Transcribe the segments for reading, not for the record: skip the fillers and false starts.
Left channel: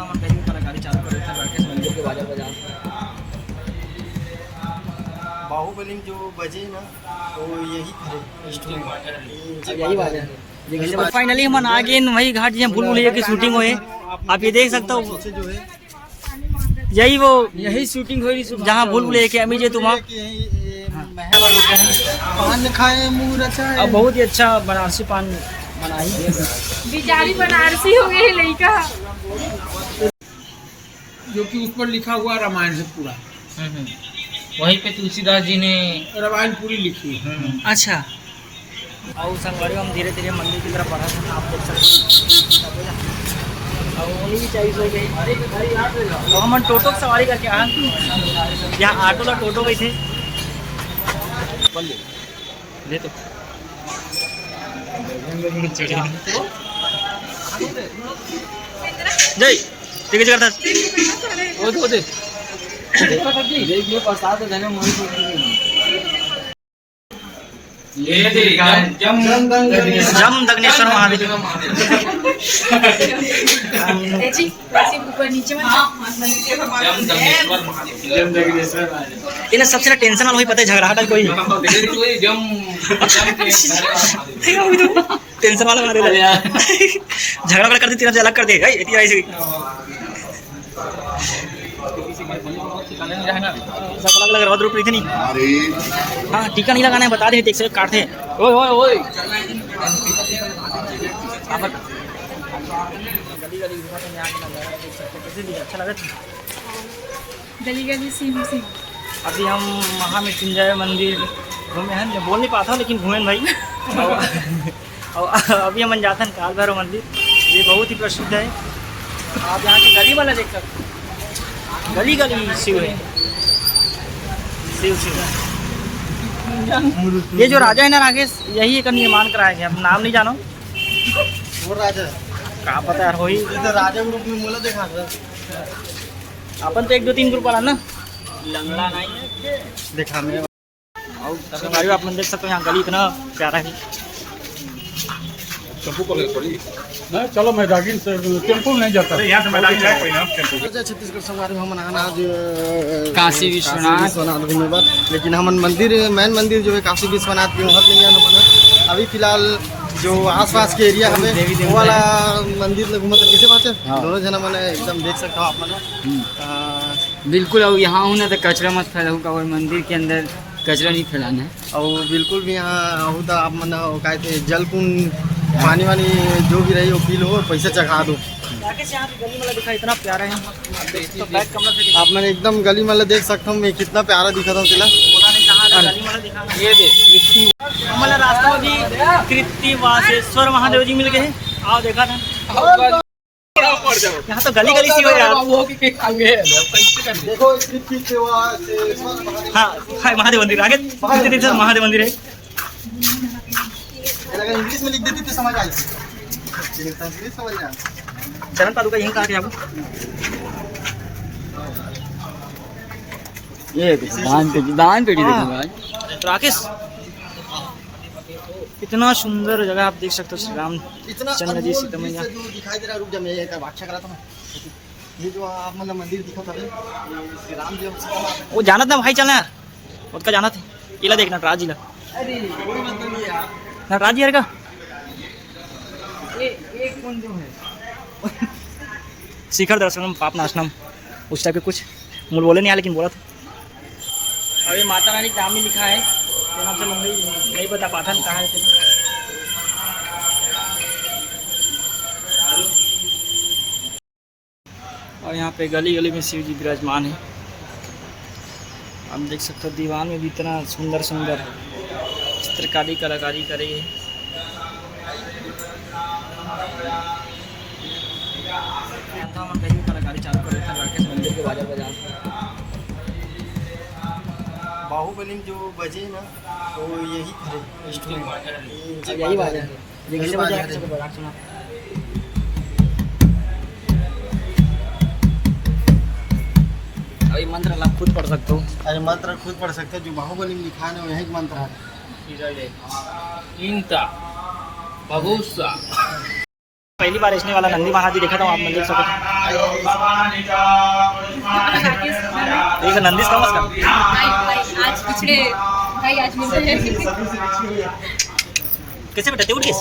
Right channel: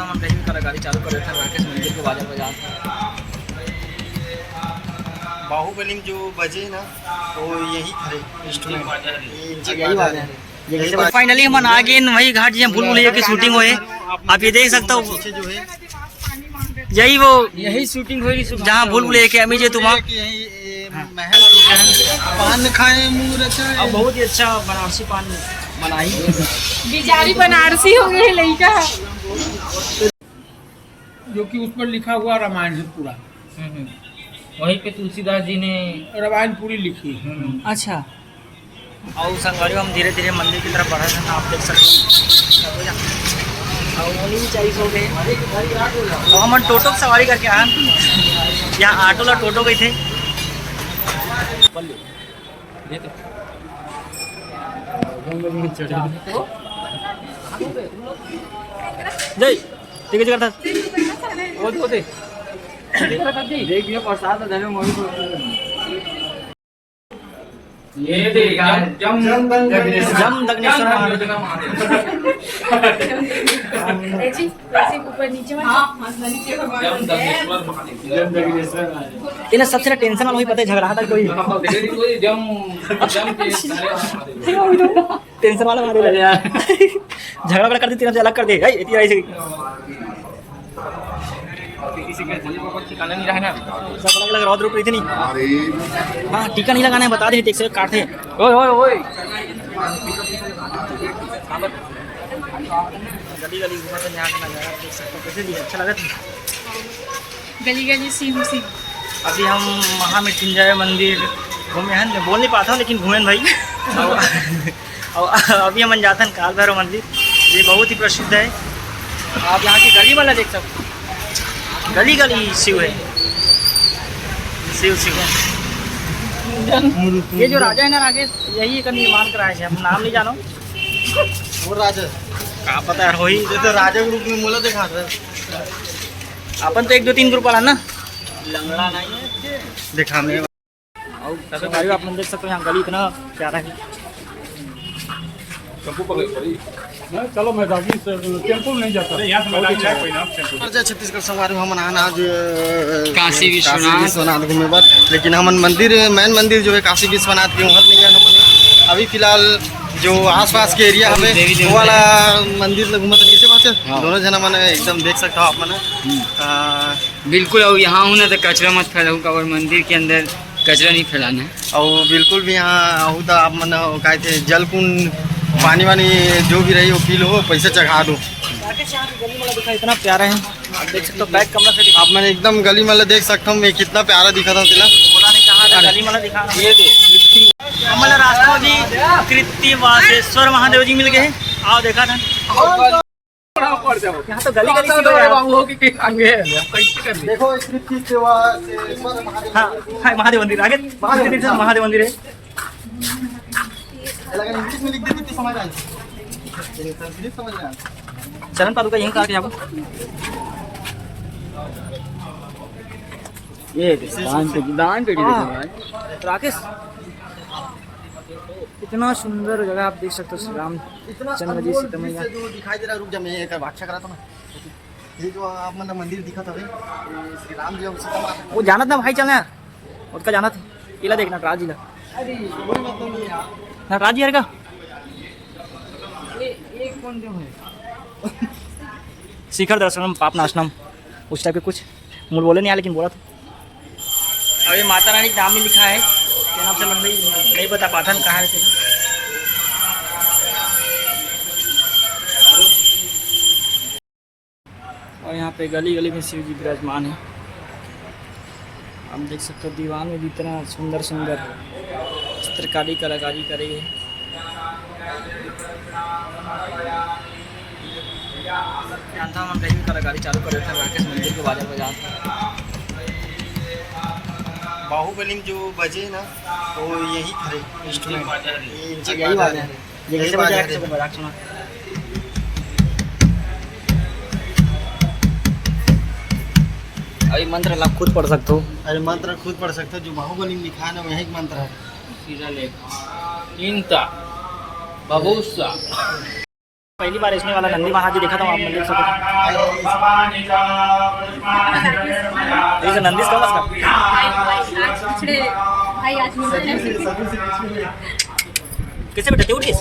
था हम कहीं भी कलाकारी चालू कर रहे थे राकेश मंदिर के बाजार बाजार। बाहुबली में जो बजे ना तो यही थे इंस्ट्रूमेंट, यही बात है। फाइनली हम आ गए वही घाट जहाँ भूल भुलैया की शूटिंग हुई। आप ये देख सकते हो, जो है यही वो यही शूटिंग हुई जहाँ भूल भुलैया के अमी जे तुम महल पान खाए मुँह रचाए। अब बहुत ही अच्छा बनारसी पान बनाई बिचारी बनारसी हो गई लड़का, जो कि उस पर लिखा हुआ रामायण से पूरा। वहीं पे तुलसीदास जी ने रामायण पूरी लिखी। अच्छा। और संगवारी हम धीरे धीरे मंदिर की तरफ बढ़ा था, आप देख सकते हैं। और उन्हीं भी 40 हो गए। और हम टोटो की सवारी करके आए, यहाँ ऑटो ला टोटो गए थे। जय ठीक है करता जम दग्नेश्वर महादेव। इन्हें सबसे टेंशन वाला वही पता है, झगड़ाहट कोई टेंशन वाला मारे झगड़ा कर दे, तीन से अलग कर दे। सब अलग अलग रौद्र रूप नहीं। हाँ टीका नहीं लगाना है, बता रहे टेक से काटते। गली गली घूमा था, यहाँ का नजारा देख सकते हो कैसे अच्छा लगा था। गली गली सीम सीम। अभी हम महामृत्युंजय मंदिर घूमे हैं, बोल नहीं पाता हूँ लेकिन घूमे भाई। और अभी हम जाते हैं काल भैरव मंदिर, ये बहुत ही प्रसिद्ध है। आप यहाँ की गली वाला देख सकते हो, गली गली शिव है, शिव शिव। ये जो राजा है ना राकेश, यही एक निर्माण कराया है, अब नाम नहीं जानो वो राजा कहाँ पता यार। वही तो राजा ग्रुप में मोला देखा था अपन तो 1 2 3 ग्रुप वाला ना देखा मैं। और आप देख सकते हो यहाँ गली इतना प्यारा है। चलो मैं टेम्पो नहीं जाता। छत्तीसगढ़ संगवारी हम आज काशी विश्वनाथ घूमे बार, लेकिन हम मंदिर मेन मंदिर जो है काशी विश्वनाथ के वहाँ नहीं गया। अभी फिलहाल जो आसपास के एरिया हमें वो वाला मंदिर घूमत किसे बात है। दोनों जना मैंने एकदम देख सकता हूँ आप मैंने बिल्कुल। और यहाँ हूँ ना तो कचरा मत फैलाऊ, और मंदिर के अंदर कचरा नहीं फैलाना है। और बिल्कुल भी यहाँ हो तो आप मन कहे थे जल कुंड पानी वानी जो भी रही वो पी लो, पैसे चढ़ा दो। गली वाला दिखा इतना प्यारा है, आप देख सकते हो। बैक कमरा से आप मैंने एकदम गली वाला देख सकता हूँ मैं, कितना प्यारा दिखा था तिला। गली वाला दिखा ये दे हमारा रास्ता भी कृत्तिवासेश्वर महादेव जी मिल गए। आओ देखा था यहाँ तो गली गली सी हो यार। देखो हाँ महादेव मंदिर आगे महादेव मंदिर है। इंग्लिश में लिख देती तो समझ आई, समझ आया। चरण पादुका यहीं काटे आपको। ये दान पेटी राकेश इतना सुंदर जगह आप देख सकते हो। श्री रामचंद्र जी सीता मैया जो दिखाई दे रहा है, रुक जा मैं एक भाषा करा था ना। ये जो आप मतलब मंदिर दिखा था श्री राम जी सीता माता, वो जाना था भाई, चलना यार उसका जाना था। इला देखना नटराज जिला नटराज जी यार का एक कौन जो है शिखर दर्शनम पाप नाशनम उस टाइप के कुछ मूल बोले नहीं आया लेकिन बोला था। और ये माता रानी का नाम भी लिखा है, क्या नाम से लंबी नहीं बता पाता कहाँ है। और यहाँ पे गली गली में शिव जी विराजमान है। आप देख सकते हो दीवान में भी इतना सुंदर सुंदर चित्रकारी कलाकारी करी है। था हम कहीं भी कलाकारी चालू कर रहे थे राकेश मंदिर के बाजार बाजार। बाहुबली में जो बजे ना तो यही थे इंस्ट्रूमेंट, यही बात है। ये कैसे बजा सुना। अभी मंत्र आप खुद पढ़ सकते हो। अरे मंत्र खुद पढ़ सकते हो, जो बाहुबली में लिखा है ना वही मंत्र है। सीधा लेख चिंता बबूसा पहली बार इसने वाला नंदी महाराज जी देखा था, आप देख सको। देख नंदी कम से कम आज पिछड़े भाई आज कैसे बेटा उठ गए?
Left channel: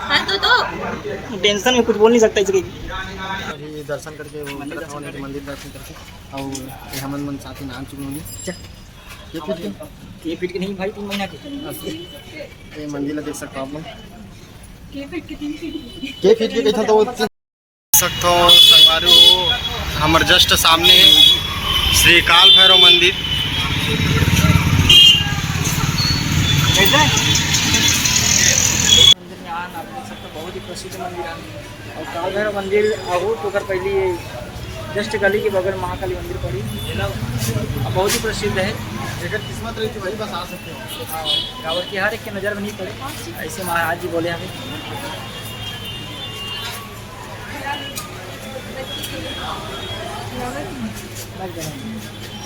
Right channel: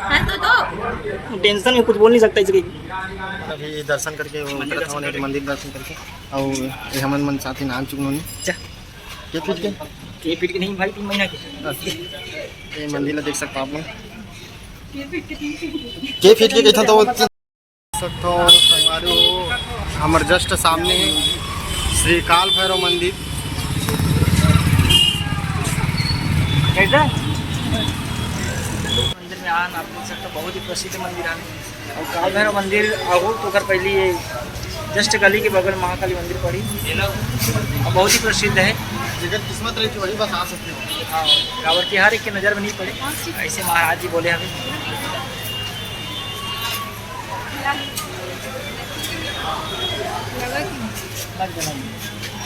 हाँ तो टेंशन में कुछ बोल नहीं सकता इसके। अभी दर्शन करके वो मंदिर दर्शन करके और ये हमन मन साथी नान चुकनोनी के फीट के नहीं भाई 3 महीना के। ये मंदिर ला देख सकते हो आप लोग के फीट के कहता तो देख सकते हो संगवारी हो हमारे जस्ट सामने है श्री काल भैरव मंदिर। कैसा मंदिर में आन आप देख सकते हो, बहुत ही प्रसिद्ध मंदिर है। और काल भैरव मंदिर आगो तो कर पहले ये जस्ट गली के बगल महाकाली मंदिर पड़ी और बहुत ही प्रसिद्ध है। जगह किस्मत रही थी वही बस आ सकते हो। हाँ गाँव की हर एक के नज़र में नहीं पड़े, ऐसे महाराज जी बोले हमें।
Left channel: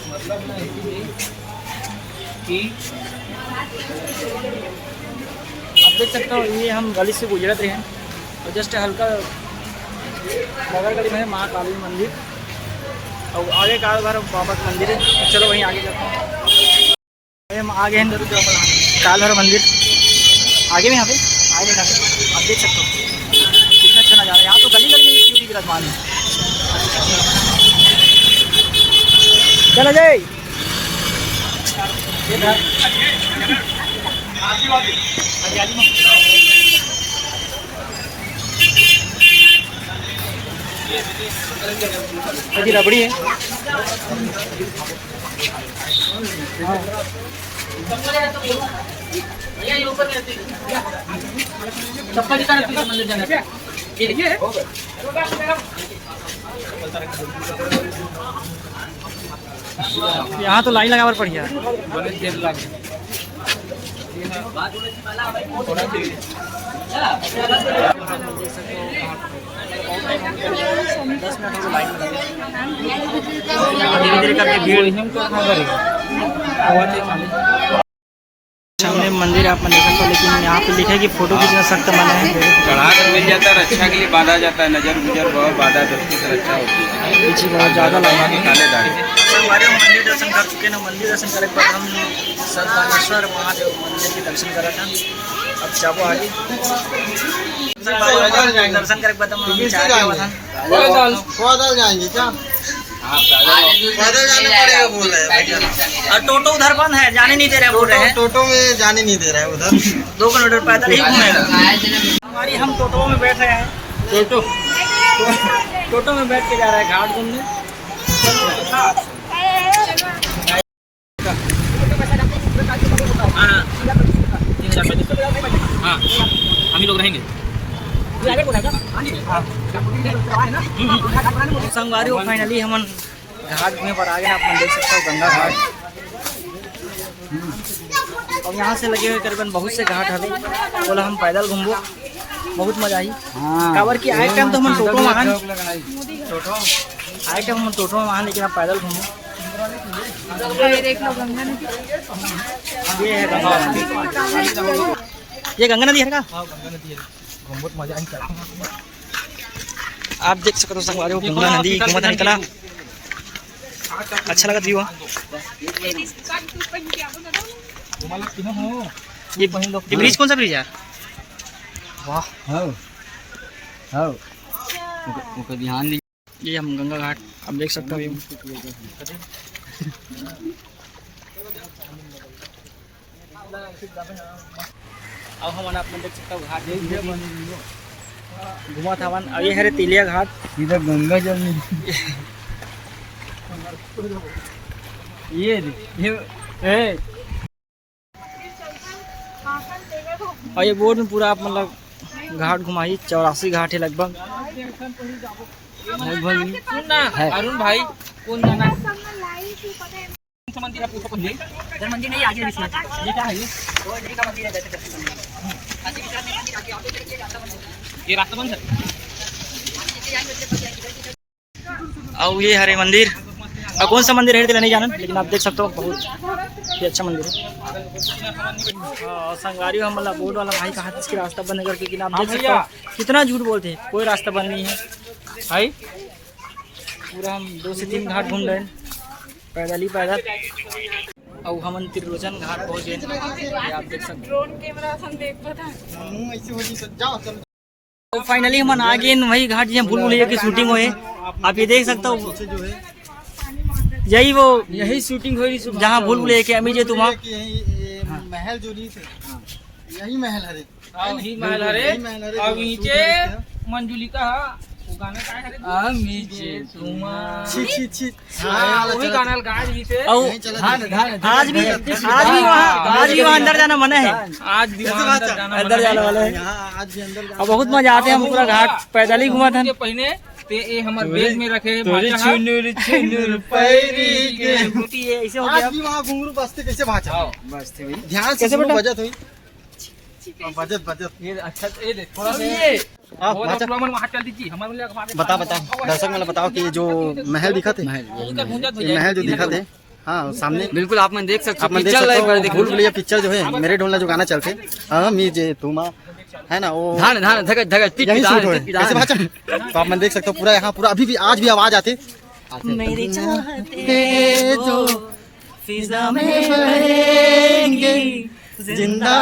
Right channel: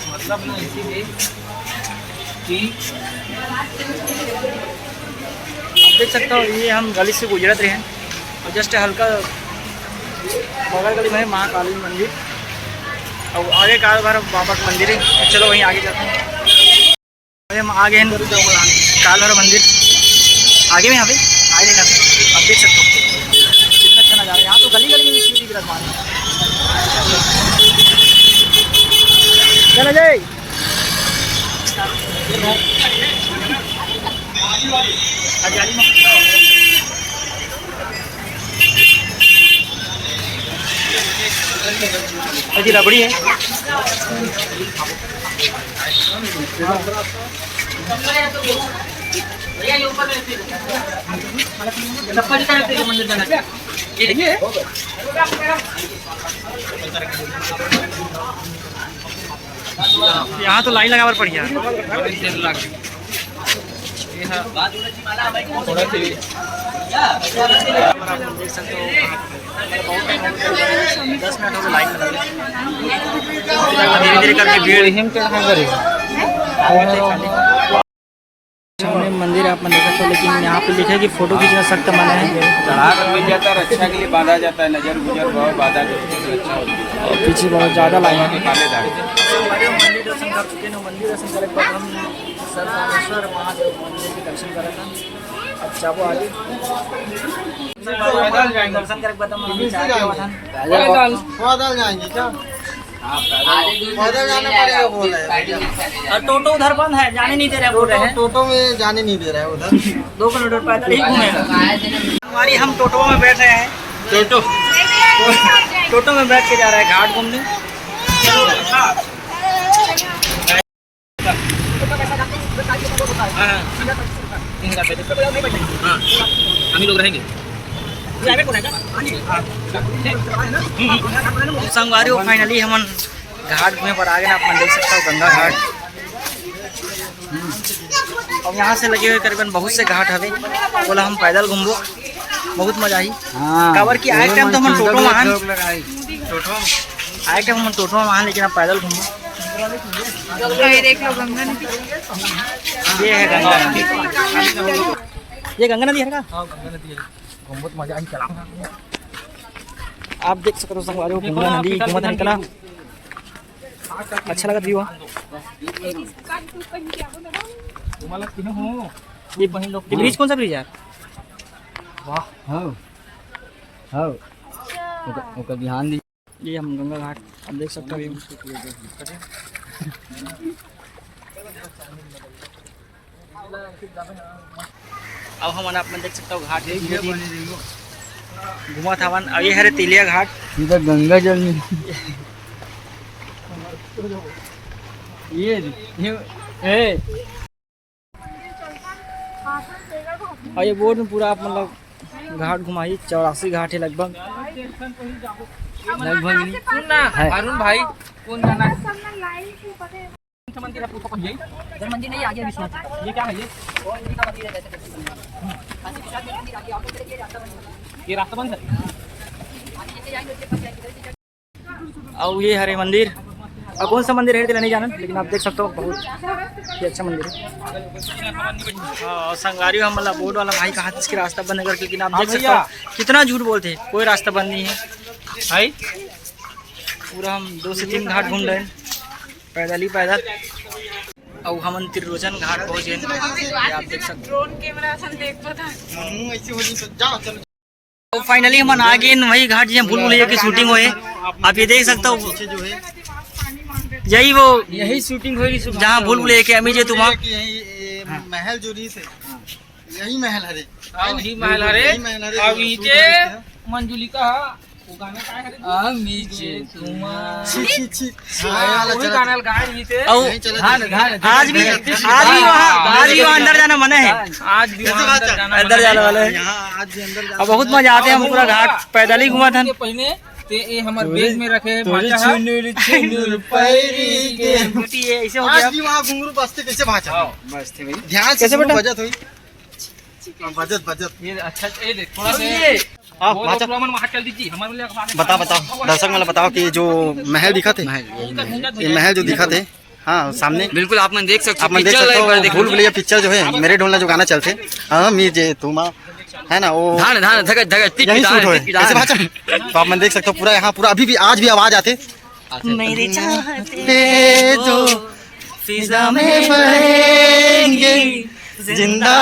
मतलब ना इसीलिए कि आप देख सकते हो ये हम गली से गुजरत रहे हैं और जस्ट हल्का बगल गली में है महाकाली मंदिर और आगे काल भैरव बाबा का मंदिर है। तो चलो वहीं आगे जाते हैं। अभी हम आगे हैं काल भैरव मंदिर, आगे में यहाँ पे आगे का आप देख सकते हो कितना अच्छा नज़ारा है। यहाँ तो गली गली में शिव जी विराजमान है। चलो जय जी रबड़ी है। मंदिर जाना क्या यहाँ तो लाइन लगावर पड़ी है। देख सकते हो 10 मिनट हो गए लाइन में लगे। धीरे धीरे करके भीड़ सामने मंदिर आप देख सकते हो, लेकिन यहाँ पे लिखा है कि फोटो खींचना सख्त मना है। चढ़ा कर मिल जाता है, रक्षा के लिए बांधा जाता है, नजर गुजर बहुत बाधा करते हैं, रक्षा होती है। पीछे बहुत ज़्यादा लाइन है। काले दाग हमारे मंदिर दर्शन कर चुके हैं। मंदिर दर्शन करे के बाद हम संतानेश्वर महादेव मंदिर के दर्शन करा था। अब जाबो आगे दर्शन करे के बाद हम नीचे आ गए था। पैदल जाएंगे क्या? पैदल जाना पड़ेगा बोल रहे हैं। और टोटो उधर बंद है, जाने नहीं दे रहे बोल रहे हैं। टोटो में जाने नहीं दे रहा है उधर। 2 किलोमीटर पैदल ही घूमेगा। हमारी हम टोटो में बैठ रहे हैं। टोटो में बैठ के जा रहा है घाट घूमने। हम लोग रहेंगे। संगवारी हो फाइनली हम घाट घूमे पर आ गए ना। आप देख सकते हो गंगा घाट और यहाँ से लगे हुए करीबन बहुत से घाट हवे। बोला हम पैदल घूमबो, बहुत मजा आई। काबर की आए टाइम तो हम टोटो में आए टाइम हम टोटो में आए, लेकिन अब पैदल घूमो। ये है गंगा नदी। ये गंगा नदी है का? बहुत मजा आई चला। आप देख सकते हो संगवारी हो गंगा नदी घूमत निकला। अच्छा लगा व्यू। ये ब्रिज कौन सा ब्रिज है? ध्यान दीजिए। ये हम गंगा घाट आप देख सकते हो। अब हम आप देख सकते हो घाट घुमा था। अब ये है तिलिया घाट। इधर गंगा जल में ये और ये बोर्ड में पूरा आप मतलब घाट घुमाई। 84 घाट है लगभग। अरुण भाई कौन जाना है? मंदिर नहीं आगे ये क्या है? ये रास्ता बंद है। और ये हरे मंदिर और कौन सा मंदिर है तो नहीं जाना, लेकिन आप देख सकते हो बहुत ही अच्छा मंदिर है। हाँ संगवारी हम मतलब बोर्ड वाला भाई का हाथ इसके रास्ता बंद करके, लेकिन आप देख सकते हो कितना झूठ बोलते हैं, कोई रास्ता बंद नहीं है भाई। पूरा हम 2 से 3 घाट घूम रहे हैं पैदल ही पैदल। और हम त्रिलोचन घाट पहुँचे, आप देख सकते हो। तो फाइनली हम आ गए वही घाट जहाँ भूल भुलैया की शूटिंग हुई है। आप ये देख सकते हो, यही शूटिंग हुई जहाँ भूल भुलैया के अमी जे तुम महल जो रही से यही महल है, यही महल हरे। अब नीचे मंजुलिका वो गाना का है नीचे तुम वही गाना गा रही थे। आज भी वहाँ अंदर जाना मना है, आज भी अंदर जाने वाला है। आज भी अंदर और बहुत मजा आते हैं, हम पूरा घाट पैदल ही घुमा था। पहले ते ये हमारे बेग में रखे ऐसे हो गया। आज भी वहाँ घुंघरू बजते कैसे भाषा ध्यान से कैसे बेटा? बजत हुई बजत ये अच्छा ये देख थोड़ा से हाँ वो भाषा वहाँ चल दीजिए हमारे लिए बताओ दर्शक मतलब बताओ कि जो महल दिखा थे, ये महल जो दिखा थे, हाँ सामने बिल्कुल आप मन देख सकते आप मैं देख सकते हो। भूल भुलैया पिक्चर जो है मेरे ढोलना जो गाना चलते जे तुम है ना, वो धान धान धगत धगत यही शूट हुए कैसे भाषा। तो आप मैं देख सकते हो पूरा यहाँ पूरा अभी भी आज भी आवाज आते मेरे चाहते जो फिजा में बहेंगे, जिंदा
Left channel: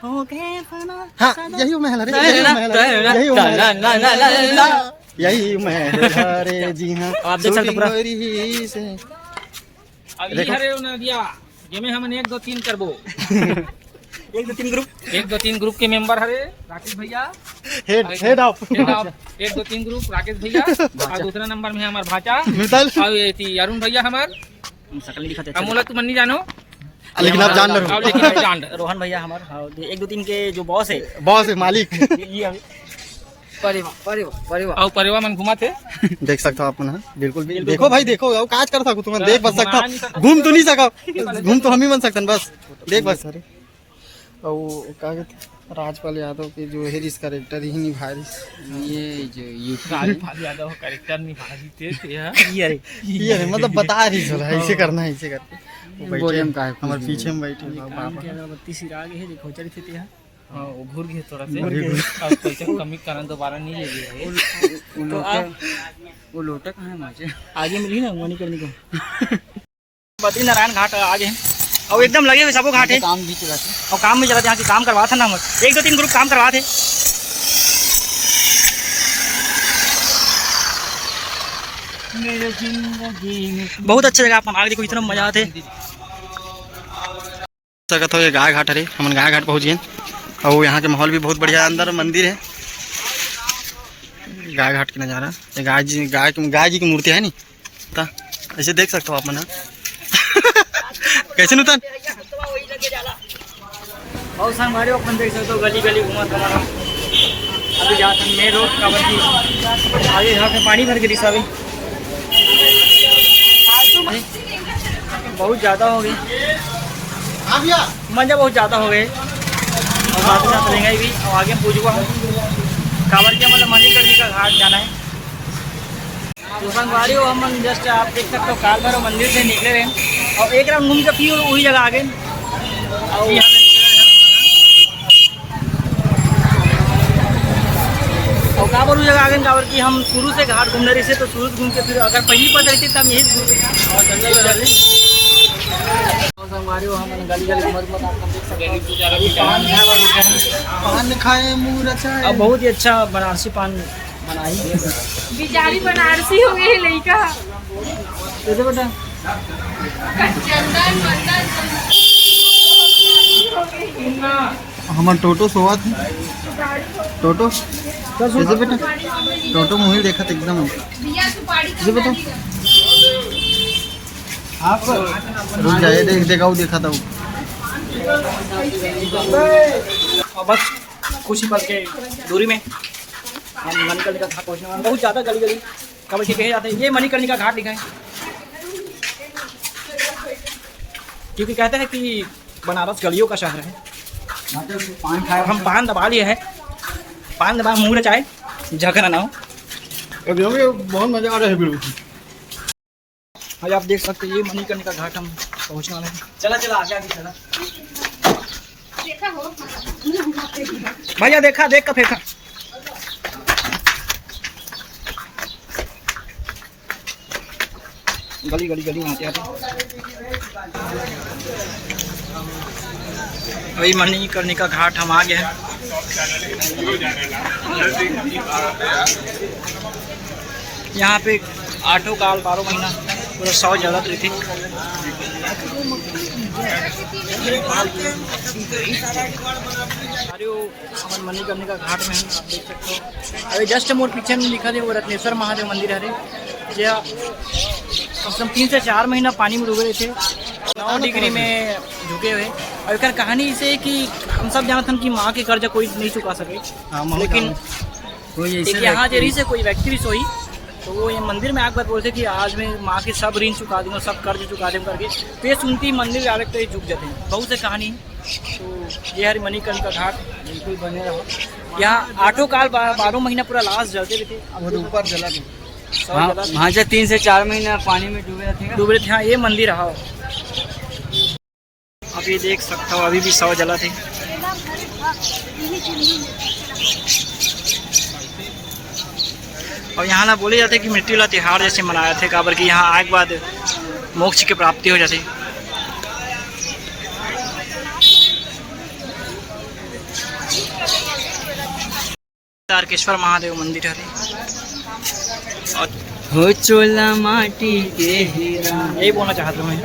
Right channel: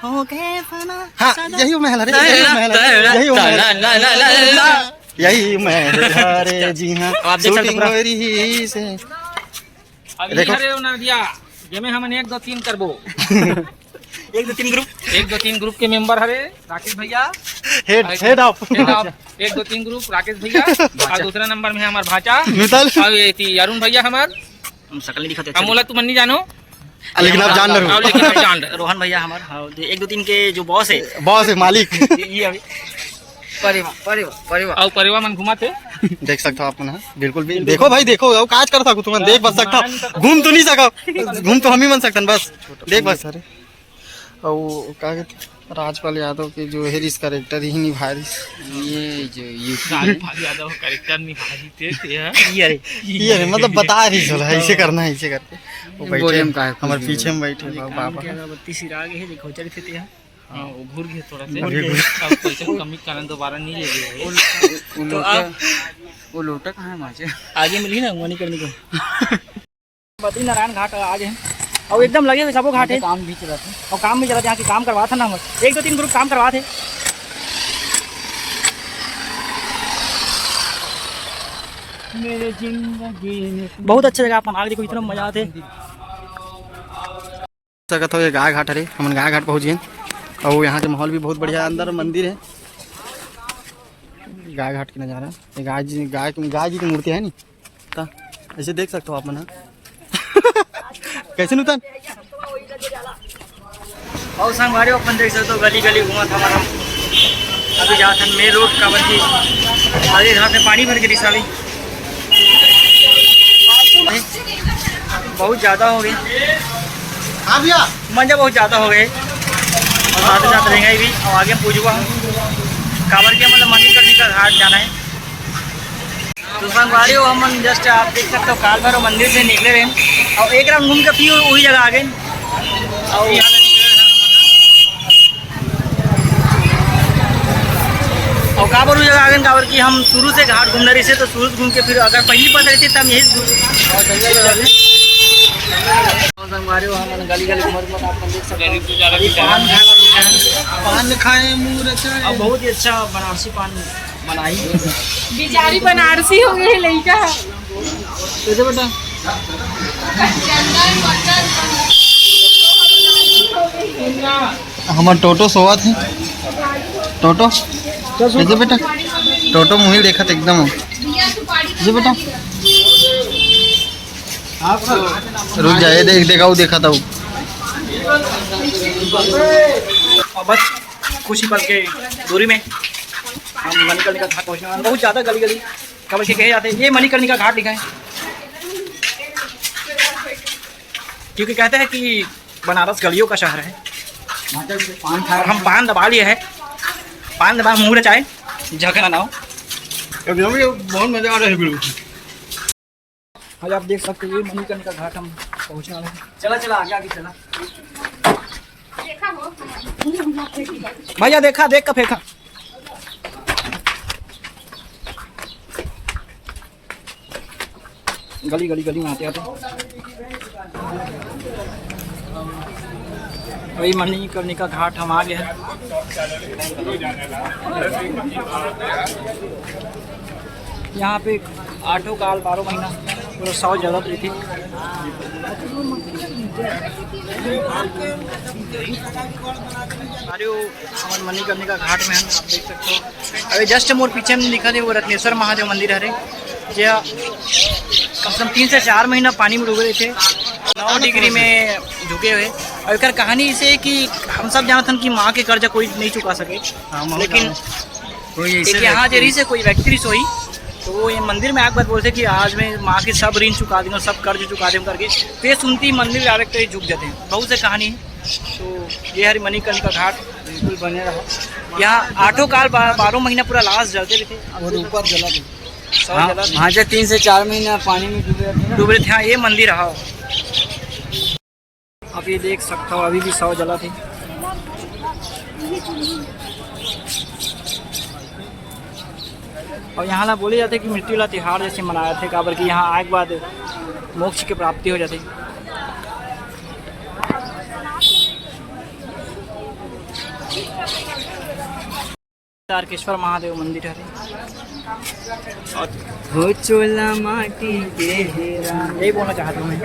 हो गए फना। हाँ यही महल है, यही महल है जी हाँ। आप देख सकते हो शूटिंग पूरा। हो रही से देखो दिया जमे हम 1 2 3 करबो 1 2 3 ग्रुप 1 2 3 ग्रुप के मेंबर हरे राकेश भैया हेड ऑफ 1 2 3 ग्रुप राकेश भैया और दूसरा नंबर में है हमार भाचा मिताल और ये अरुण भैया हमार शकल नहीं दिखाते अमोला तुम नहीं जानो लेकिन आप जान रहे हो। लेकिन आप जान रहे हो। रोहन भैया हमारे 1 2 3 के जो बॉस है बॉस है मालिक ये अभी परिवार और परिवार मन घुमाते देख सकते हो आप ना, बिल्कुल भी देखो भाई देखो वो काज कर सकूं तुम देख बस सकता घूम तो नहीं सका, घूम तो हम ही बन सकते बस देख बस। और क्या कहते राजपाल यादव के जो है इस कैरेक्टर ही निभा रही, ये जो यादव कैरेक्टर निभा रही थे ये मतलब बता रही चलो ऐसे करना है ऐसे करके। वो बैठे बोले हम काहे हमारे पीछे में बैठे अगरबत्ती सिरा गए है देखो चढ़ी थे यहाँ। हाँ वो घूर गए थोड़ा से घूर गए। और पैसे कमी कारण दोबारा नहीं ले गए तो आप वो लोटा कहाँ है माचे आगे मिली ना वनी करने को बद्री नारायण घाट आगे हैं और एकदम लगे हुए सबो घाट है, काम भी चला था। और काम में चला था यहाँ की काम करवा था ना हम 1 2 3 ग्रुप काम करवा थे। मेरे जिंदगी बहुत अच्छा जगह आप आगे देखो इतना मजा आते। सकत हो ये गाय घाट है, हम गाय घाट पहुँच गए और यहाँ के माहौल भी बहुत बढ़िया, अंदर मंदिर है। गाय घाट की नज़ारा, ये गाय जी की मूर्ति है नी ता ऐसे देख सकते हो आप मना कैसे नुतन और संगवारी अपन देख सकते हो गली गली घुमा था हमारा। अभी जा था मेन रोड का बल्कि आगे जहाँ से पानी भर के दिशा भी बहुत ज़्यादा हो गई, मजा बहुत ज़्यादा हो गए और साथ साथ रहेंगे भी। और आगे हम पूछूंगा हम कांवड़िया मतलब मणिकर्णिका घाट जाना है। तो संगवारी हो हम जस्ट आप देख सकते हो काल भैरव मंदिर से निकले रहे और एक राउंड घूम के फिर वही जगह आ गए। और काबर उस जगह आ गए काबर कि हम शुरू से घाट घूमने रही से, तो शुरू से घूम के फिर अगर पहली पता रहती तो हम यही संगवारी हो हम गली गली घूम आप देख सकते पान खाए मुँह और बहुत ही अच्छा बनारसी पान बनाई बिचारी बनारसी हो गई लड़का। कैसे बेटा हमार टोटो सोवा थे टोटो कैसे बेटा टोटो मुही देखा था एकदम जी बेटा रुक जाए देख देखा वो देखा था वो और बस कुछ ही पल के दूरी में हम मणिकर्णिका घाट पहुँचने वाले। बहुत ज़्यादा गली गली कबर के कहे जाते हैं ये मणिकर्णिका घाट लिखा है क्योंकि कहते हैं कि बनारस गलियों का शहर है। और हम पान दबा लिए है, पान दबा मुँह चाहे झकना ना हो। बहुत मजा आ रहा है आज आप देख सकते हैं ये मणिकर्णिका घाट हम पहुँचने वाले हैं। चला चला आगे आगे चला भैया, देखा देख का फेंका। गली गली गली में आते आते वही मणिकर्णिका घाट हम आ गए हैं। यहाँ पे 8 काल 12 महीना पूरा 100 जगह पृथ्वी। अरे वो हमारे मणिकर्णिका घाट में है ना, आप देख सकते हो। अभी जस्ट मोर पीछे में लिखा थे वो रत्नेश्वर महादेव मंदिर है। ये कम से कम 3 से 4 महीना पानी में डूबे रहे थे, 9 डिग्री में झुके हुए। और एक कहानी इसे कि हम सब जानते हैं कि माँ के कर्जा कोई नहीं चुका सके, लेकिन एक यहाँ जरी से कोई व्यक्ति सोई तो वो ये मंदिर में आग बात बोलते कि आज मैं माँ की सब ऋण चुका दूँगा, सब कर्ज चुका दूँ करके। तो ये सुनती ही मंदिर में आगे तो झुक जाते हैं। बहुत से कहानी है। तो ये हरी मणिकर्णिका घाट बिल्कुल बने रहा। यहाँ 8 काल 12 महीना पूरा लाश जलते भी थे, ऊपर जला थे, 100 जला थे। वहाँ से 3 से 4 महीना पानी में डूबे थे। हाँ, ये मंदिर रहा। आप ये देख सकते हो अभी भी 100 जला थे। और यहाँ ना बोले जाते कि मिट्टी वाला त्योहार जैसे मनाया थे, काबर कि यहाँ आए के बाद मोक्ष की प्राप्ति हो जाती। तारकेश्वर महादेव मंदिर है। और हो चोला माटी के हेरा, यही बोलना चाहता हूँ मैं।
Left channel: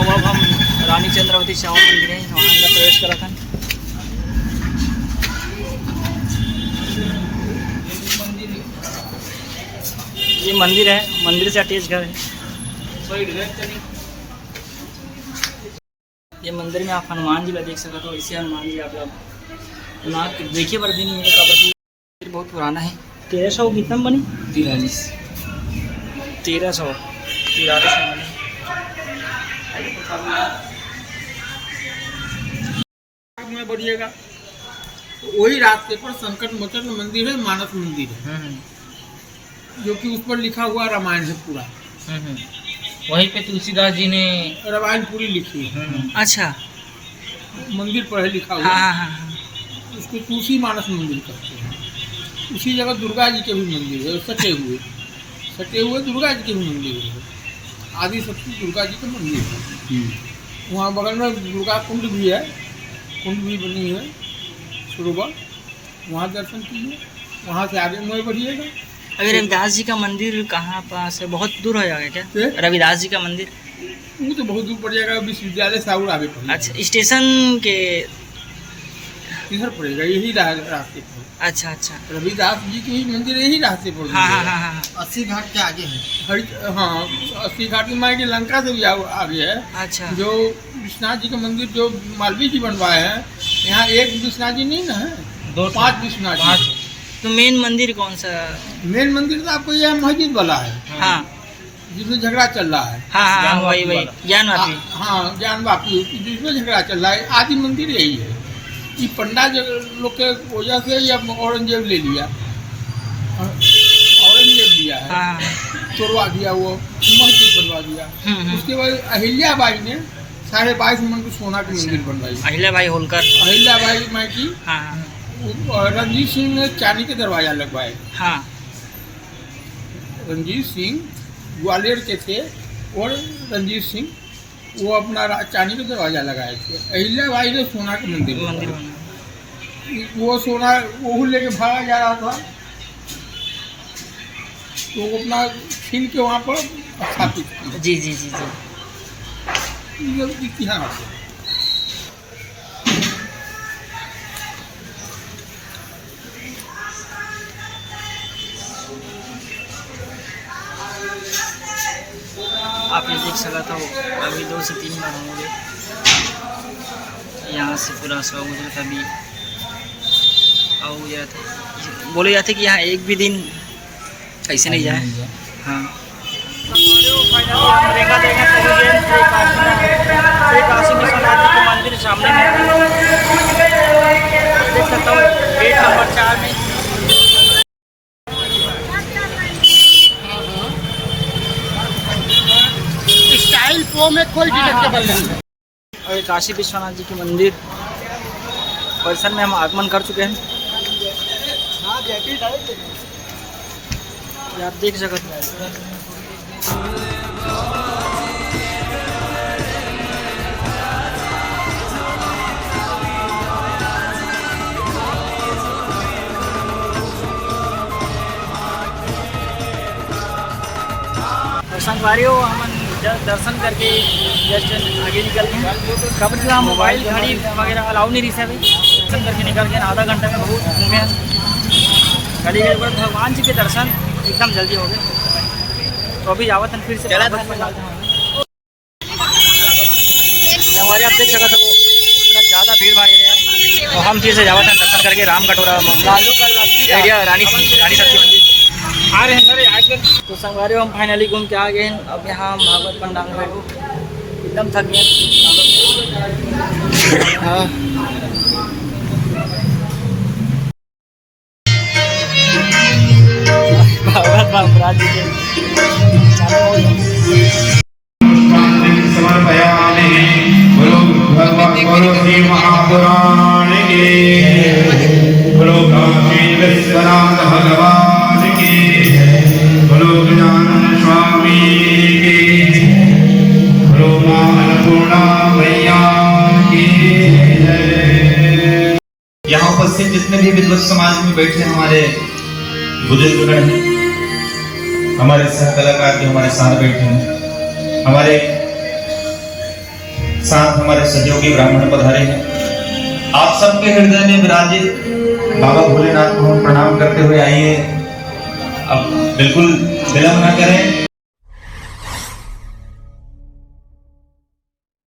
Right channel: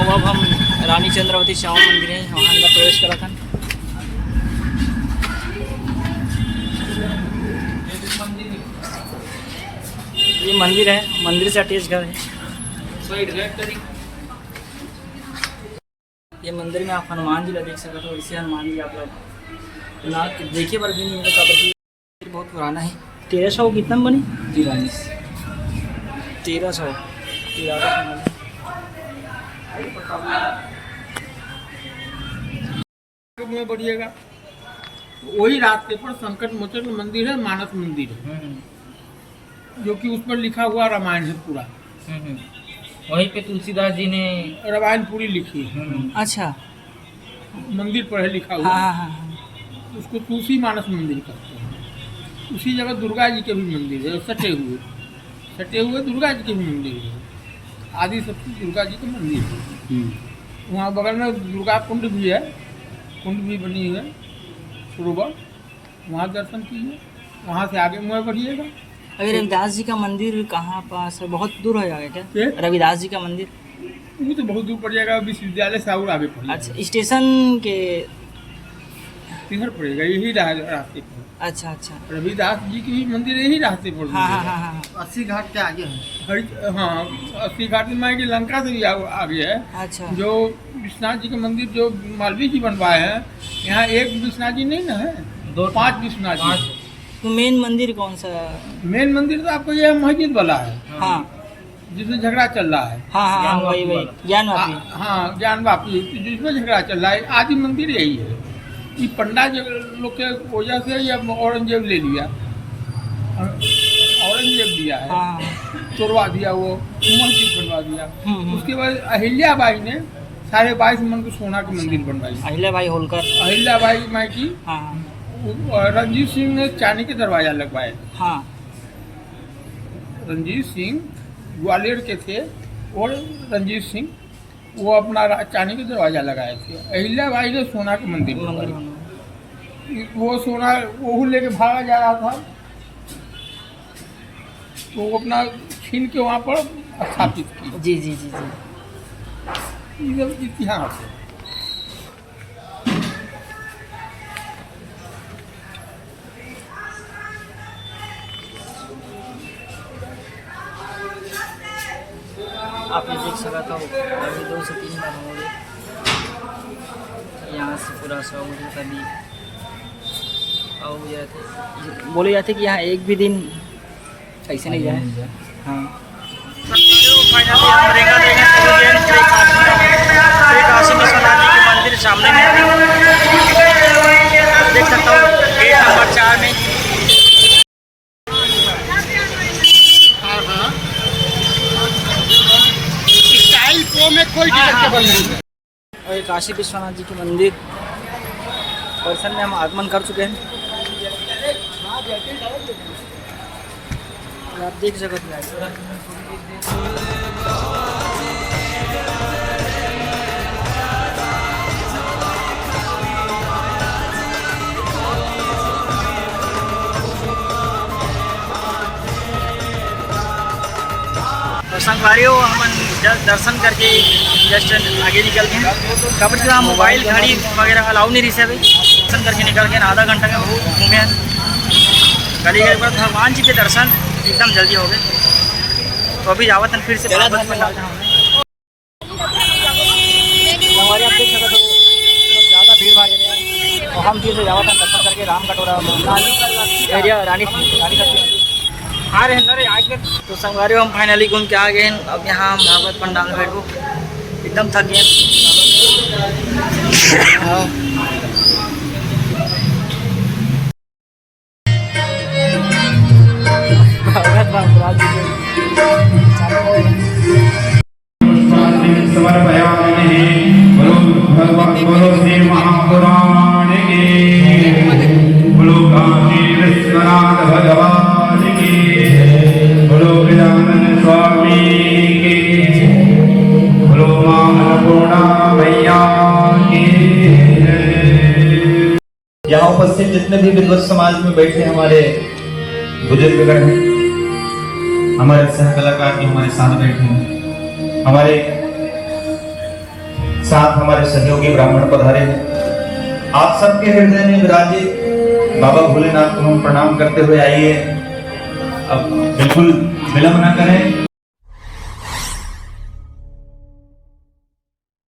अब हम रानी चंद्रावती श्याम मंदिर है, वहाँ अंदर प्रवेश करा था। ये मंदिर है, मंदिर से अटैच घर है। ये मंदिर में आप हनुमान जी का देख सकते हो। इसे हनुमान जी आप लोग ना देखिए पर भी नहीं मिले, काबर बहुत पुराना है। 1300 कितना में बनी? 1300 में बढ़िएगा। वही रास्ते पर संकट मोचन मंदिर है, मानस मंदिर है, जो कि उस पर लिखा हुआ रामायण है पूरा। वहीं पे तुलसीदास जी ने रामायण पूरी लिखी है। अच्छा, मंदिर पर है लिखा हुआ। हाँ हाँ हाँ। उसको तुलसी मानस मंदिर कहते हैं। उसी जगह दुर्गा जी के भी मंदिर है, सटे हुए दुर्गा जी के भी मंदिर है। आदि शक्ति दुर्गा जी का मंदिर है। वहाँ बगल में दुर्गा कुंड भी है, कुंड भी बनी है, सरोवर। वहाँ दर्शन कीजिए। वहाँ से आगे मुँह बढ़िएगा। अभी रविदास जी का मंदिर कहाँ पास है? बहुत दूर हो जाएगा क्या क्या? रविदास जी का मंदिर? वो तो बहुत दूर पड़ जाएगा, विश्वविद्यालय से और आगे पड़ेगा। अच्छा, स्टेशन के इधर पड़ेगा, यही रास्ते पर। अच्छा अच्छा। रविदास जी की भी मंदिर यही रास्ते पर। हाँ हाँ हाँ हाँ। 80 घाट के आगे है। हाँ, 80 घाट की माई की लंका से भी आगे है। अच्छा, जो विश्वनाथ जी का मंदिर जो मालवीय जी बनवाए हैं, यहाँ एक विश्वनाथ जी नहीं ना है, 5 विश्वनाथ जी। तो मेन मंदिर कौन सा? मेन मंदिर तो आपको यह मस्जिद वाला है। हाँ जिसमें झगड़ा चल रहा है। हाँ हाँ हाँ, वही ज्ञानवापी। हाँ, ज्ञानवापी, जिसमें झगड़ा चल रहा है। आदि मंदिर यही है। ये पंडा लोग के वजह से या औरंगजेब ले लिया, औरंगजेब लिया है, हाँ तोड़वा दिया, वो मस्जिद बनवा दिया। उसके बाद अहिल्याबाई ने 22.5 मन को सोना की मंदिर बनवाई। अहिल्याबाई होलकर। अहिल्याबाई माई की। हाँ रंजीत सिंह ने चांदी के दरवाजा लगवाए। हाँ। रंजीत सिंह ग्वालियर के थे और रंजीत सिंह वो अपना चांदी के दरवाजा लगाए थे। अहिल्याबाई ने सोना के मंदिर बना। वो सोना वो लेके भागा जा रहा था, तो वो अपना छीन के वहाँ पर स्थापित किया। जी जी जी जी। ये इतिहास है। आप ये देख सका था अभी 2 से 3 बार हो गए। यहाँ से पूरा 100 गुजरा था। अभी और जाते बोले जाते कि यहाँ एक भी दिन ऐसे नहीं जाए। हाँ, फाइनली हम रेंगा श्री काशी विश्वनाथ जी के मंदिर सामने में देख सकता हूँ। गेट नंबर 4 में कोई टिकट केवल नहीं। और ये काशी विश्वनाथ जी के मंदिर परिसर में हम आगमन कर चुके हैं। ये आप देख सकते हैं। और संगवारियों हम दर्शन करके जस्ट आगे निकल गए हैं। कबड्डी का मोबाइल घड़ी वगैरह अलाउ नहीं रही है भाई। दर्शन करके निकल गए, आधा घंटा में बहुत घूमे हैं। गली गली पर भगवान जी के दर्शन एकदम जल्दी हो गए। तो अभी जावत फिर से भागवत पंडाल जहाँ हमारे आप देख सकते हो इतना ज़्यादा भीड़ भाड़ एरिया है। तो हम फिर से जावत दर्शन करके राम कटोरा एरिया रानी सब्जी मंदिर आ रहे हैं। तो संगवारी हम फाइनली घूम के आ गए हैं। अब यहाँ हम भागवत पंडाल में बैठो, एकदम थक गए। हाँ भागवत महाराज जी के चालू हो गए। समर्पयामि। बोलो भगवान, बोलो श्री महापुराण के, बोलो काशी विश्वनाथ भगवान की, बोलो गजानन स्वामी के, बोलो मां अन्नपूर्णा मैया की। यहाँ उपस्थित जितने भी विद्वत समाज में बैठे हमारे बुजुर्गगण हैं, हमारे सह कलाकार जो हमारे साथ बैठे हैं, हमारे साथ हमारे सहयोगी ब्राह्मण पधारे हैं, आप सबके हृदय में विराजित बाबा भोलेनाथ को हम प्रणाम करते हुए आइए। अब बिल्कुल विलंब न करें।